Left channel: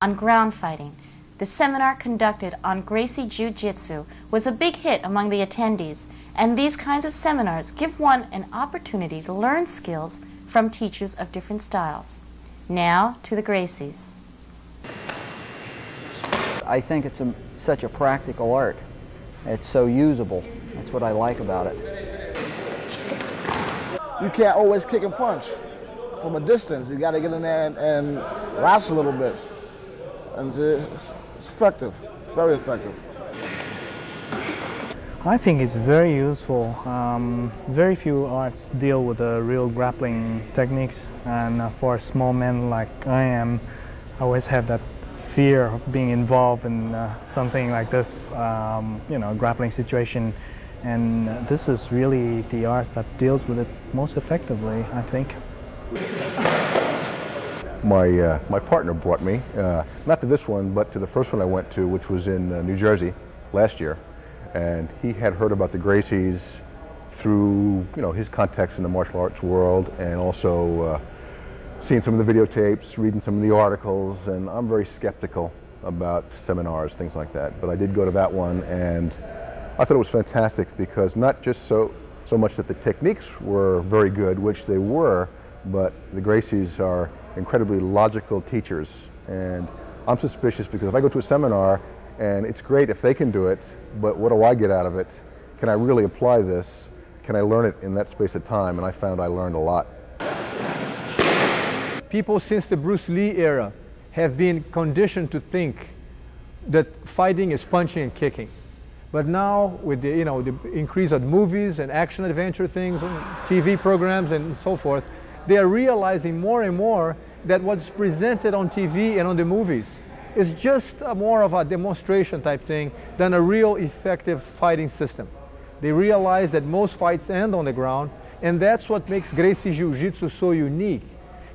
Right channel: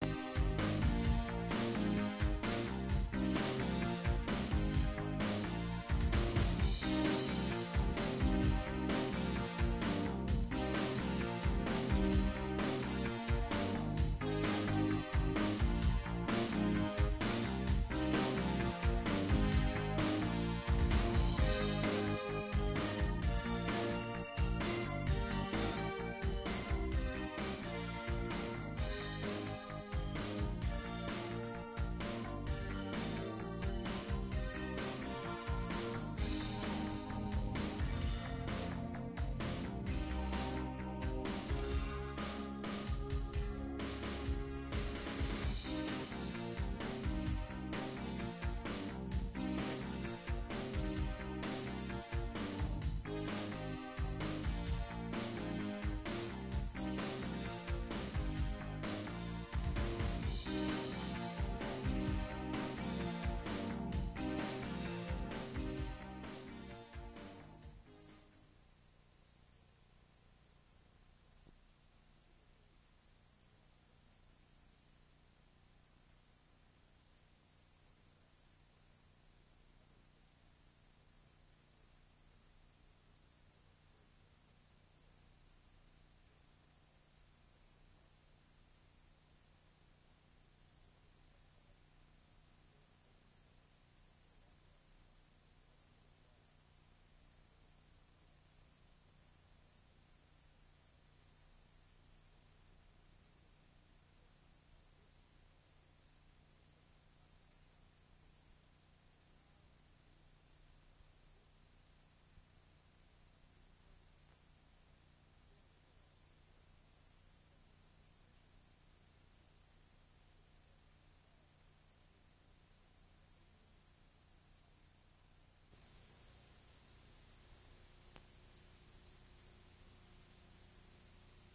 on ground fighting. The seminar conducted on Gracie Jiu-Jitsu was a big hit among the attendees, and these kinds of seminars give one an opportunity to learn skills from teachers of different styles. Now to the Gracies. I think it's such a practical art. It's so usable. That's what I like about it. You can't always kick and punch from a distance. You got to get in there and wrestle a little bit. And it's effective, very effective. I think it's very useful. Very few arts deal with the real grappling techniques, and for a small man like I am, I always have that fear of being involved in something like this, grappling situation. And this is really the arts that deals with it most effectively, I think. My partner brought me, not to this one, but to the first one I went to, which was in New Jersey last year. And he had heard about the Gracies through, his context in the martial arts world, and also seeing some of the videotapes, reading some of the articles, and I'm very skeptical about seminars, things like that. But I did go to that one, and I thought it was fantastic because not just so much that the techniques were very good, which they were, but the Gracies are incredibly logical teachers. And I'm suspicious because if I go to a seminar, and it's great if they can do it, but what do I get out of it? Can I really apply this? Can I learn it in that space of time? And I found I learned a lot. People since the Bruce Lee era have been conditioned to think that fighting is punching and kicking. But now with the, the increase of movies and action adventure things and TV programs and so forth, they are realizing more and more that what's presented on TV and on the movies is just more of a demonstration type thing than a real effective fighting system. They realize that most fights end on the ground, and that's what makes Gracie Jiu-Jitsu so unique,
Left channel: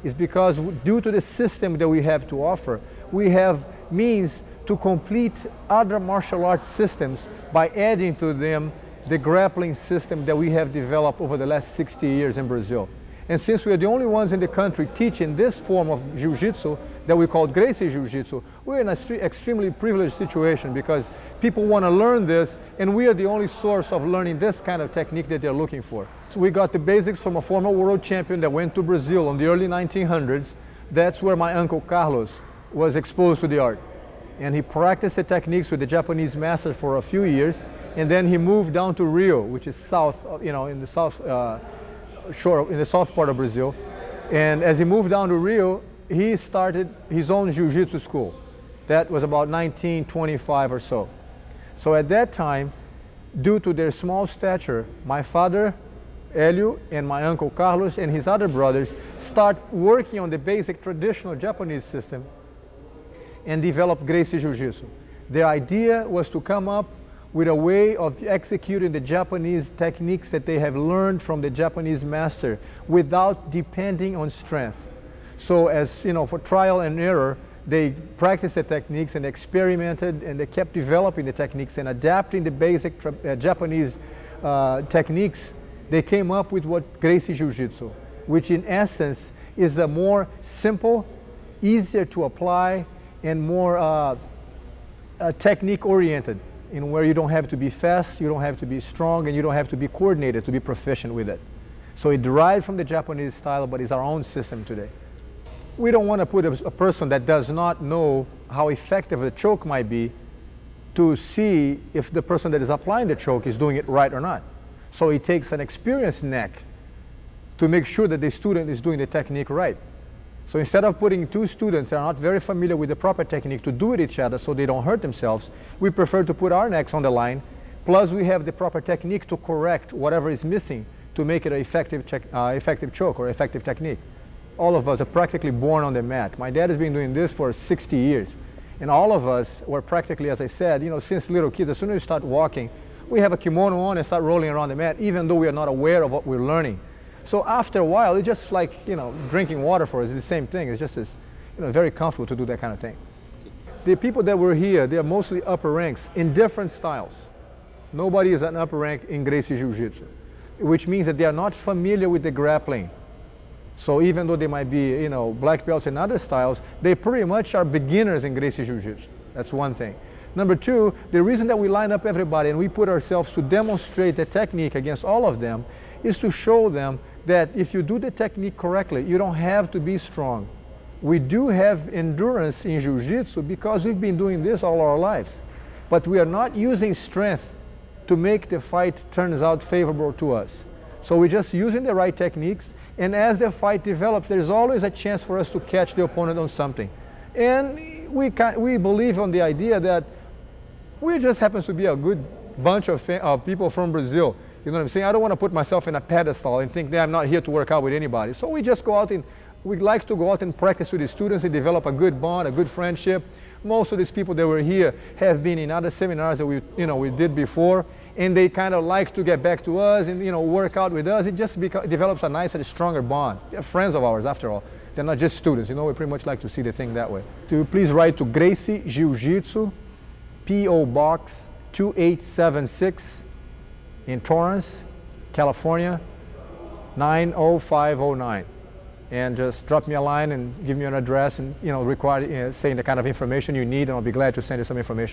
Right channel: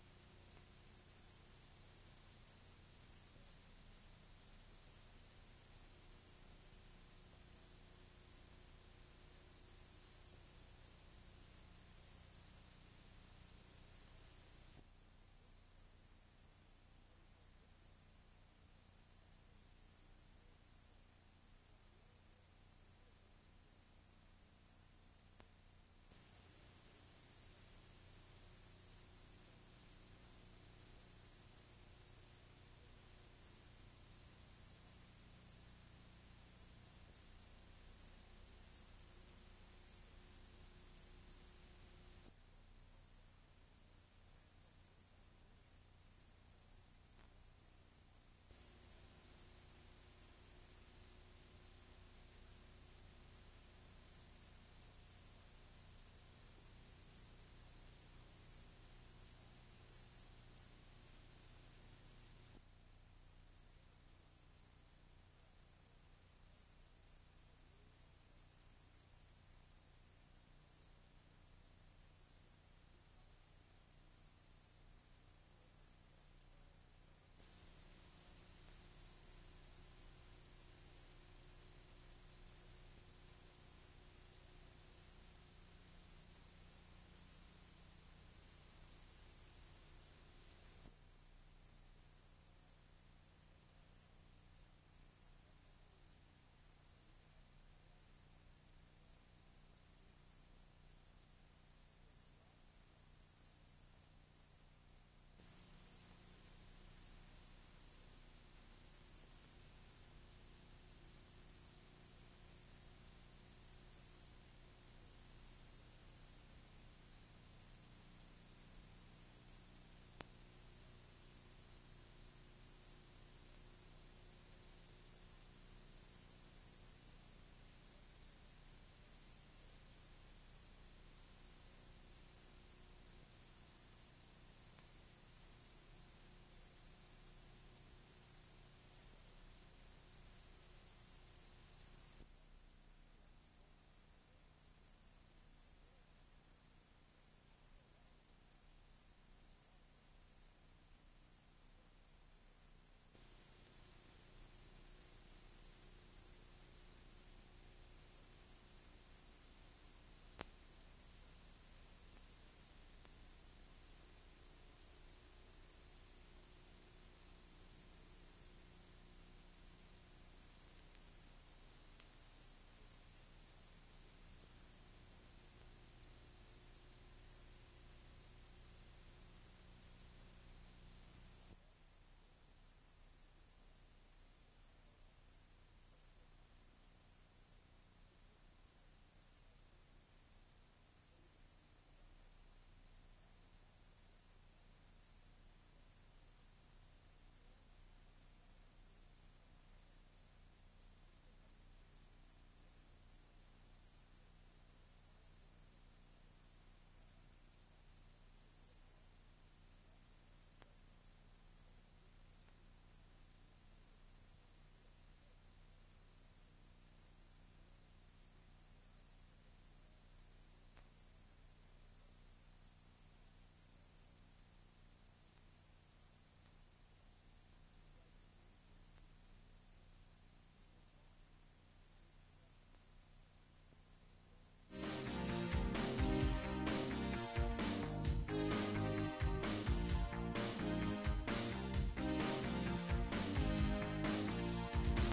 is because due to the system that we have to offer, we have means to complete other martial arts systems by adding to them the grappling system that we have developed over the last 60 years in Brazil. And since we are the only ones in the country teaching this form of Jiu-Jitsu that we call Gracie Jiu-Jitsu, we're in an extremely privileged situation because people want to learn this, and we are the only source of learning this kind of technique that they're looking for. So we got the basics from a former world champion that went to Brazil in the early 1900s. That's where my uncle Carlos was exposed to the art. And he practiced the techniques with the Japanese master for a few years, and then he moved down to Rio, which is south, in the south shore, in the south part of Brazil. And as he moved down to Rio, he started his own Jiu-Jitsu school. That was about 1925 or so. So at that time, due to their small stature, my father, Hélio, and my uncle Carlos and his other brothers start working on the basic traditional Japanese system and develop Gracie Jiu-Jitsu. Their idea was to come up with a way of executing the Japanese techniques that they have learned from the Japanese master without depending on strength. So as for trial and error, they practiced the techniques and experimented, and they kept developing the techniques and adapting the basic Japanese techniques. They came up with what Gracie Jiu-Jitsu, which in essence is a more simple, easier to apply, and more technique-oriented, where you don't have to be fast, you don't have to be strong, and you don't have to be coordinated to be proficient with it. So it derived from the Japanese style, but it's our own system today. We don't want to put a person that does not know how effective a choke might be to see if the person that is applying the choke is doing it right or not. So it takes an experienced neck to make sure that the student is doing the technique right. So instead of putting two students that are not very familiar with the proper technique to do it each other so they don't hurt themselves, we prefer to put our necks on the line, plus we have the proper technique to correct whatever is missing to make it an effective choke or effective technique. All of us are practically born on the mat. My dad has been doing this for 60 years. And all of us were practically, as I said, since little kids, as soon as we start walking, we have a kimono on and start rolling around the mat, even though we are not aware of what we're learning. So after a while, it's just like, drinking water for us. It's the same thing. It's just very comfortable to do that kind of thing. The people that were here, they are mostly upper ranks in different styles. Nobody is an upper rank in Gracie Jiu-Jitsu, which means that they are not familiar with the grappling. So even though they might be, black belts in other styles, they pretty much are beginners in Gracie Jiu-Jitsu. That's one thing. Number two, the reason that we line up everybody and we put ourselves to demonstrate the technique against all of them is to show them that if you do the technique correctly, you don't have to be strong. We do have endurance in Jiu-Jitsu because we've been doing this all our lives. But we are not using strength to make the fight turns out favorable to us. So we're just using the right techniques, and as the fight develops, there's always a chance for us to catch the opponent on something. And we believe on the idea that we just happens to be a good bunch of people from Brazil. You know what I'm saying? I don't want to put myself in a pedestal and think that I'm not here to work out with anybody. So we just go out and we like to go out and practice with the students and develop a good bond, a good friendship. Most of these people that were here have been in other seminars that we did before, and they kind of like to get back to us and work out with us. It just develops a nicer, stronger bond. They're friends of ours, after all. They're not just students. We pretty much like to see the thing that way. So please write to Gracie Jiu-Jitsu, P.O. Box 2876 in Torrance, California, 90509. And just drop me a line and give me an address and saying the kind of information you need, and I'll be glad to send you some information.